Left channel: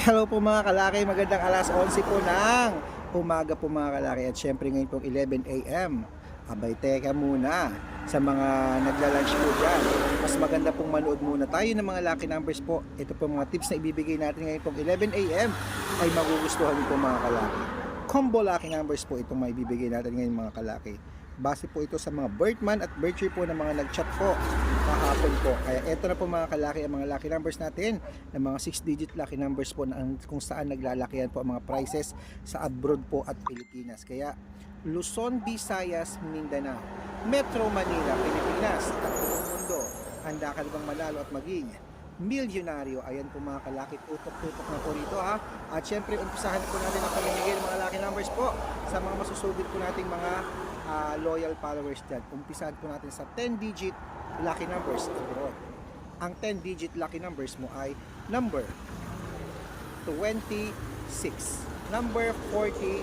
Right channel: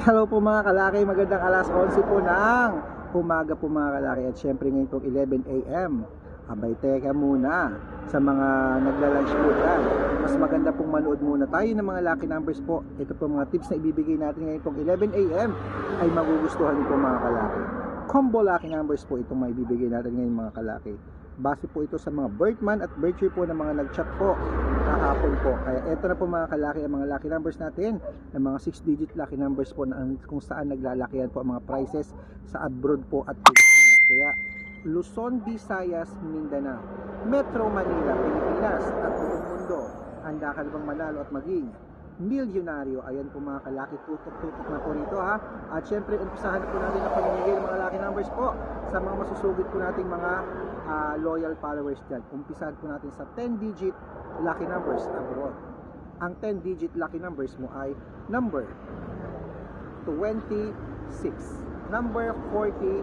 Hello po mga kalaki, magandang alas 11 po ng umaga po mga kalaki at syempre ngayon pong 11 a.m. Abay teka muna sa mga nagla-lunch po dyan. Mas maganda pong manood muna tayo ng mga lucky numbers po. Ito po mga tips na ibibigay natin ngayon pong 11 a.m. ay magugustuhan nito mga kalaki. Combo lucky numbers po itong maibibigay natin ngayon mga kalaki. Base po ito sa mga birthman at birthday po ng mga nag-chat po kahapon po. Kaya eto na po mga kalaki ang mga lucky numbers natin ng mga 6-digit lucky numbers po na kung saan naglalakihan po ang mga prices sa abroad po at Pilipinas. Kaya Luzon, Visayas, Mindanao, Metro Manila, Pilipinas at buong mundo. Handa ka bang manalo at maging milyonaryo? Ayan po mga kalaki, tutok-tutok na po rito ha. At syempre, umpisahan po natin ang pamimigay ng mga lucky numbers po sa mga masusugid po nating mga ah, loyal followers dyan. Umpisahan po natin sa 10-digit lucky numbers abroad. Ang 10-digit lucky numbers mo ay number 26, number 42,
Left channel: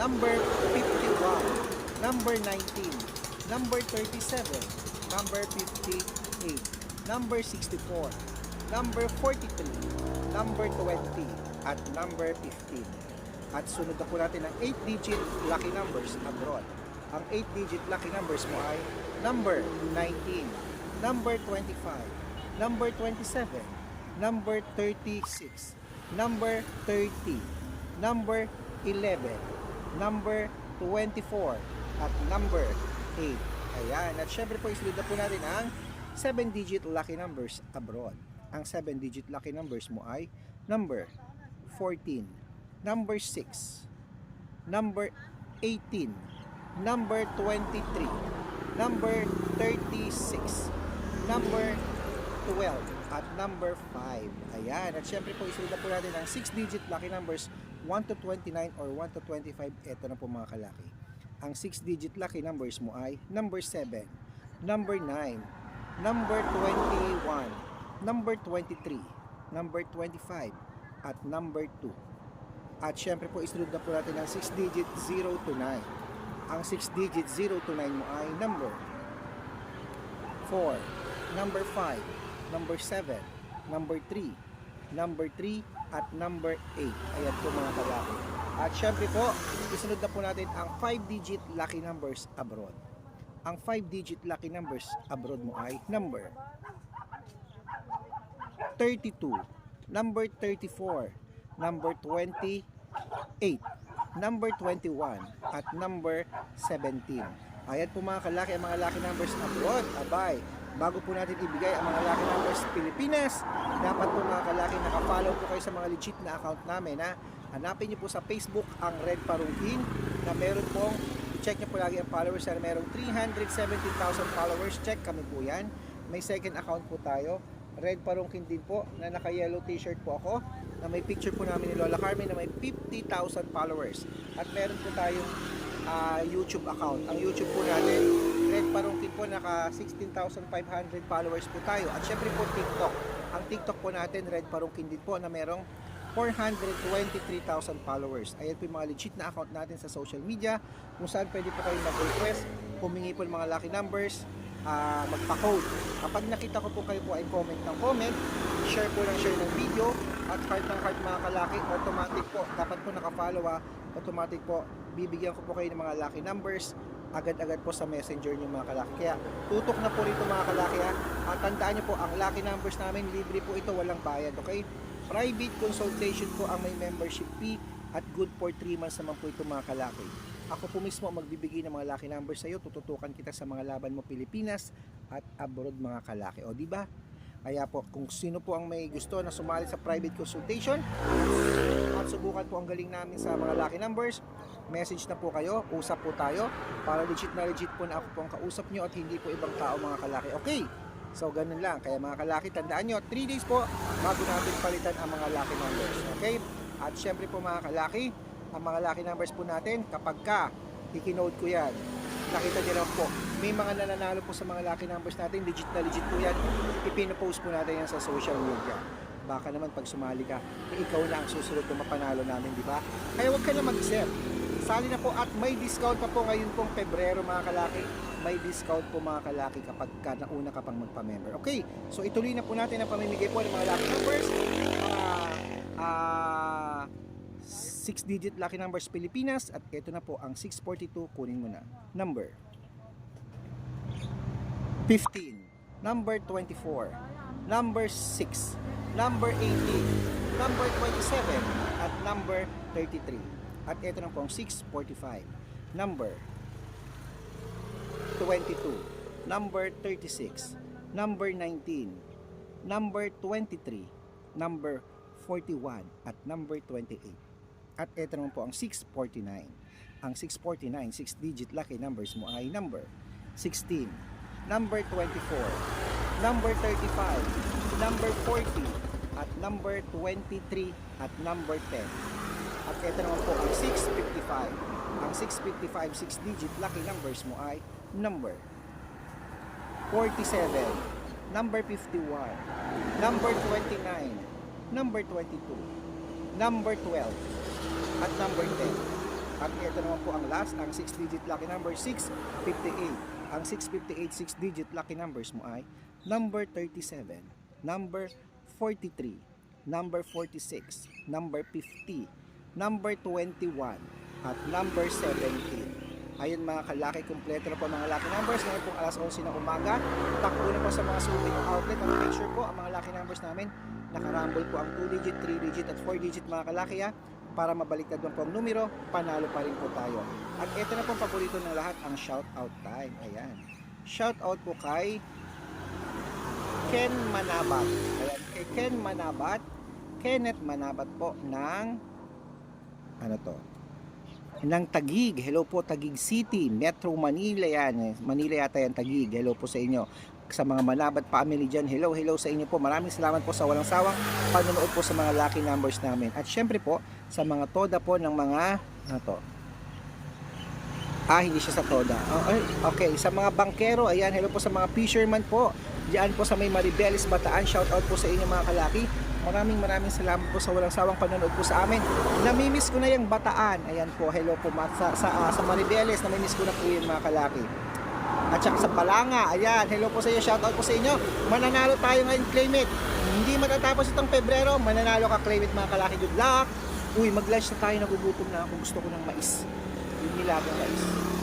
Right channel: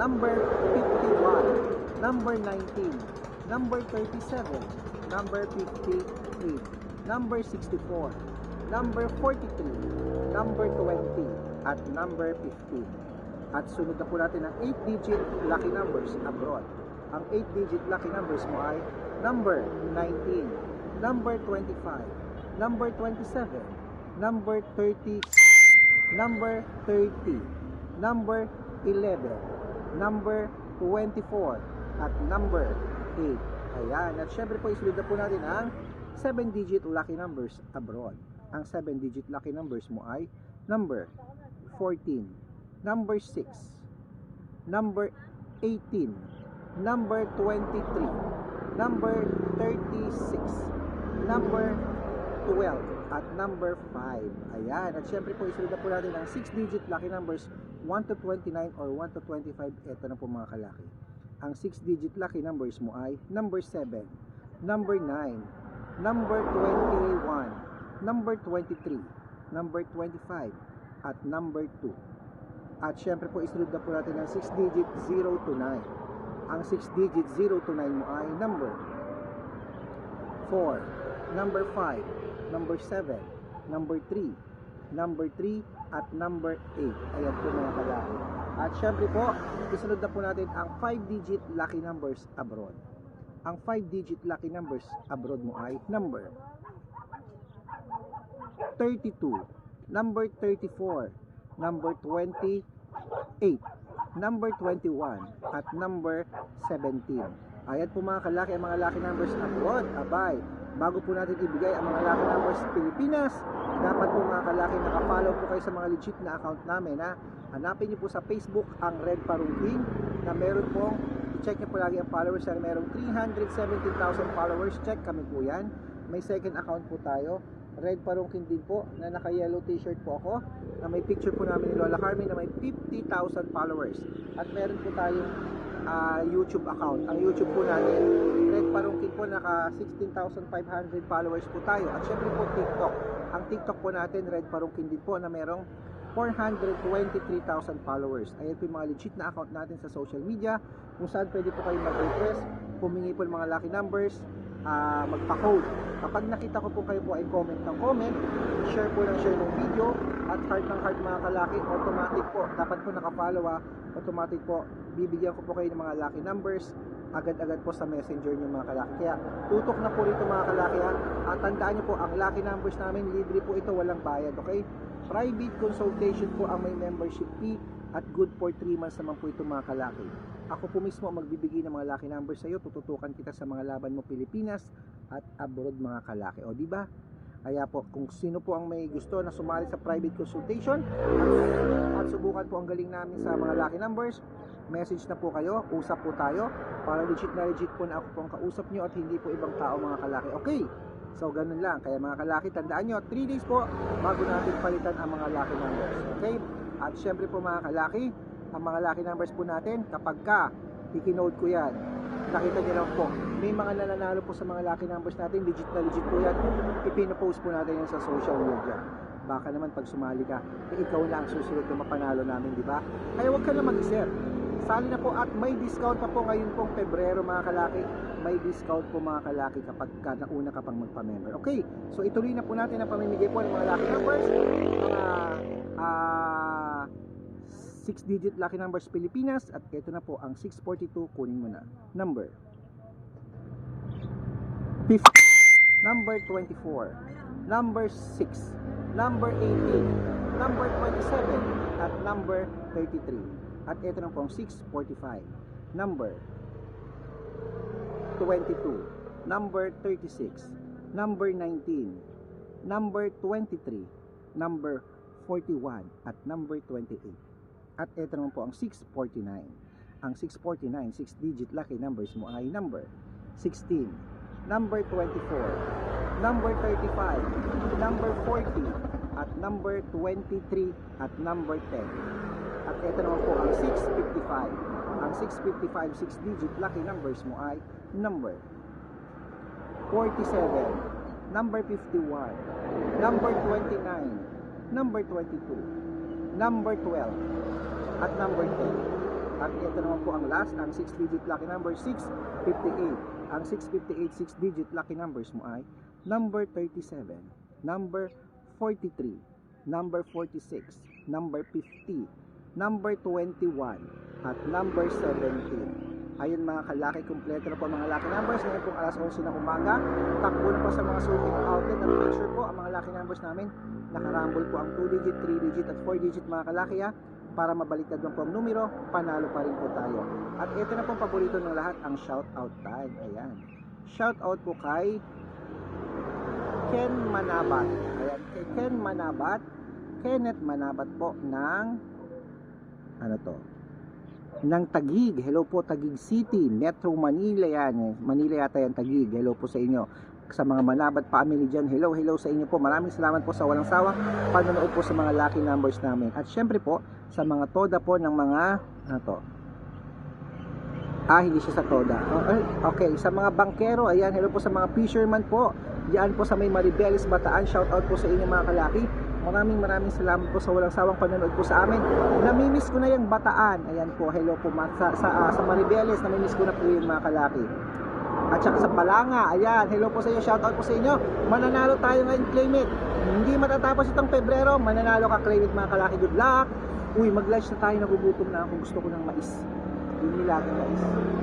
number 51, number 19, number 37, number 58, number 64, number 43, number 20, at number 15. At sunod na po natin ang 8-digit lucky numbers abroad. Ang 8-digit lucky numbers mo ay number 19, number 25, number 27, number 36, number 30, number 11, number 24, at number 8. Ayan. At syempre po isunod na po natin ang 7-digit lucky numbers abroad. Ang 7-digit lucky numbers mo ay number 14, number 6, number 18, number 23, number 36, number 12, at number 5. Ayan. At syempre po, isunod na po natin ang 6-digit lucky numbers 1 to 29 or 1 to 25. Ito na po mga kalaki. Ang 6-digit lucky numbers mo ay number 7, number 9, number 21, number 23, number 25, at number 2. At syempre po, isunod na po natin ang 6-digit 0 to 9. Ang 6-digit 0 to 9 mo ay number 4, number 5, number 7, number 3, number 3, at number 8. Ayan po mga kalaki. At syempre po, isunod na po natin ang 5-digit lucky numbers abroad. Ang 5-digit lucky numbers abroad mo ay number 32, number 34, number 28, number 21, at number 17. Ayan po mga kalaki ang mga lucky numbers abroad. Abay, bago po natin ibigay ang mga lucky numbers Pilipinas, dapat po mga kalaki nakafollow po kayo sa mga legit na account namin ha. Hanapin niyo po sa Facebook ang Red Parungkin na meron pong check niyo po lagi ang followers na merong 317,000 followers. Check kami po yan. May second account po tayo. Red Parungkin din po na naka-yellow t-shirt po ako na may picture po namin ni Lola Carmen na may 50,000 followers. At meron po tayong ah, YouTube account. Ang YouTube po natin, Red Parungkin po naka 16,500 followers po tayo. At syempre po TikTok. Ang TikTok po natin, Red Parungkin din po na merong 423,000 followers. Ayan po yung mga legit na account natin sa social media kung saan pwede po kayo mag-request, humingi po ng mga lucky numbers, ah, magpa-code. Kapag nakita ko po kayo po ay comment ng comment, share po ng share ng video, at heart ng heart mga kalaki, automatic po, dapat po nakafollow ah, automatic po, bibigyan ko po kayo ng mga lucky numbers, agad-agad po sa messenger niyo mga kalaki. Kaya tutok na po rito mga kalaki ha. At tandaan niyo po, ang lucky numbers namin, libre po ito, walang bayad, okay? Private consultation po ang may membership fee at good for 3 months naman po ito mga kalaki. Ako po mismo magbibigay ng mga lucky numbers sa iyo, tututukan kita sa mga laban mo Pilipinas at abroad mga kalaki. O di ba? Kaya po, kung sino po ang may gusto na sumali sa private consultation at subukan po ang galing namin sa mga lucky numbers, message na po kayo, usap po tayo para legit na legit po na ako po ang kausap nyo at hindi po ibang tao mga kalaki. Okay, so ganun lang. Kaya mga kalaki, tandaan nyo, 3 days po bago natin palitan ang mga lucky numbers. Okay? At syempre po mga kalaki, ang mga lucky numbers po natin, kapag ka, ikinode ko yan, nakita nyo lang po, may mga nananalo po sa mga lucky numbers natin, legit na legit po yan, ipinopost po natin yan sa social media. Baka naman pag sumali ka, eh, ikaw na ang susunod na mapanalo namin, di ba? Kaya huwag ka na mag-isip. Sali na po at may discount pa po ngayon pong Pebrero mga kalaki. May discount po mga kalaki kapag ka nauna ka pang magpa-member. Okay, so ituloy na po natin ang pamimigay po ng mga lucky numbers. Mga ah, 6-digit lucky numbers Pilipinas at ito na po ang 642 kunin mo na. Number 15, number 24, number 6, number 18, number 27 at number 33. At ito na po ang 645. Number 22, number 36, number 19, number 23, number 41 at number 28. At ito naman po ang 649. Ang 649, 6 digit lucky numbers mo ay number 16, number 24, number 35, number 40 at number 23 at number 10. At ito naman po ang 655. Ang 655, 6 digit lucky numbers mo ay number 47, number 51, number 29, number 22, number 12, at number 10. At ito naman po ang last, ang 6 digit lucky number 658. Ang 658, 6 digit lucky numbers mo ay number 37, number 43, number 46, number 50, number 21, at number 17. Ayun mga kalaki, kumpleto na po mga lucky numbers. Ngayon pong alas 11 ng umaga, takbo na po sa mga suking outlet at sure po ang mga lucky numbers namin nakarambol po ang 2 digit, 3 digit at 4 digit mga kalaki ha para mabaliktad man po ang numero, panalo pa rin po tayo. At ito na pong paborito ng lahat, ang shout out time. Ayan. Shout out po kay Ken Manabat. Ayan, kay Ken Manabat. Kenneth Manabat po ng ano to? Ng Tagig. Hello po Tagig City, Metro Manila yan. Manila yata yan Tagig. Hello po sa inyo. Sa mga Manabat family dyan, hello, hello sa inyo po. Maraming salamat po sa walang sawang panonood po sa mga lucky numbers namin. At syempre po, sa mga toda po ng mga, ano to? Ah, hindi siya sa toda. Oh, ay, okay, sa mga bankero, ayan, hello po sa mga fisherman po. Diyan po sa may Maribeles, Bataan, shout out po sa inyo mga kalaki. Maraming maraming salamat po sa walang sawang panonood po sa amin. Namimiss ko na yung Bataan. Ayan po, hello po sa, sa, ah, sa Maribeles, namimiss ko na po yung mga kalaki. At saka sa Palanga, ayan, hello po sa inyo, shout out po sa inyo. Mananalo tayo ngayon, claim. Hindi matatapos itong Pebrero, mananalo ka, claim mga kalaki. Good luck! Uy, mag-lunch na tayo, nagugutom na ako. Gusto ko ng mais. Yung nilagang mais.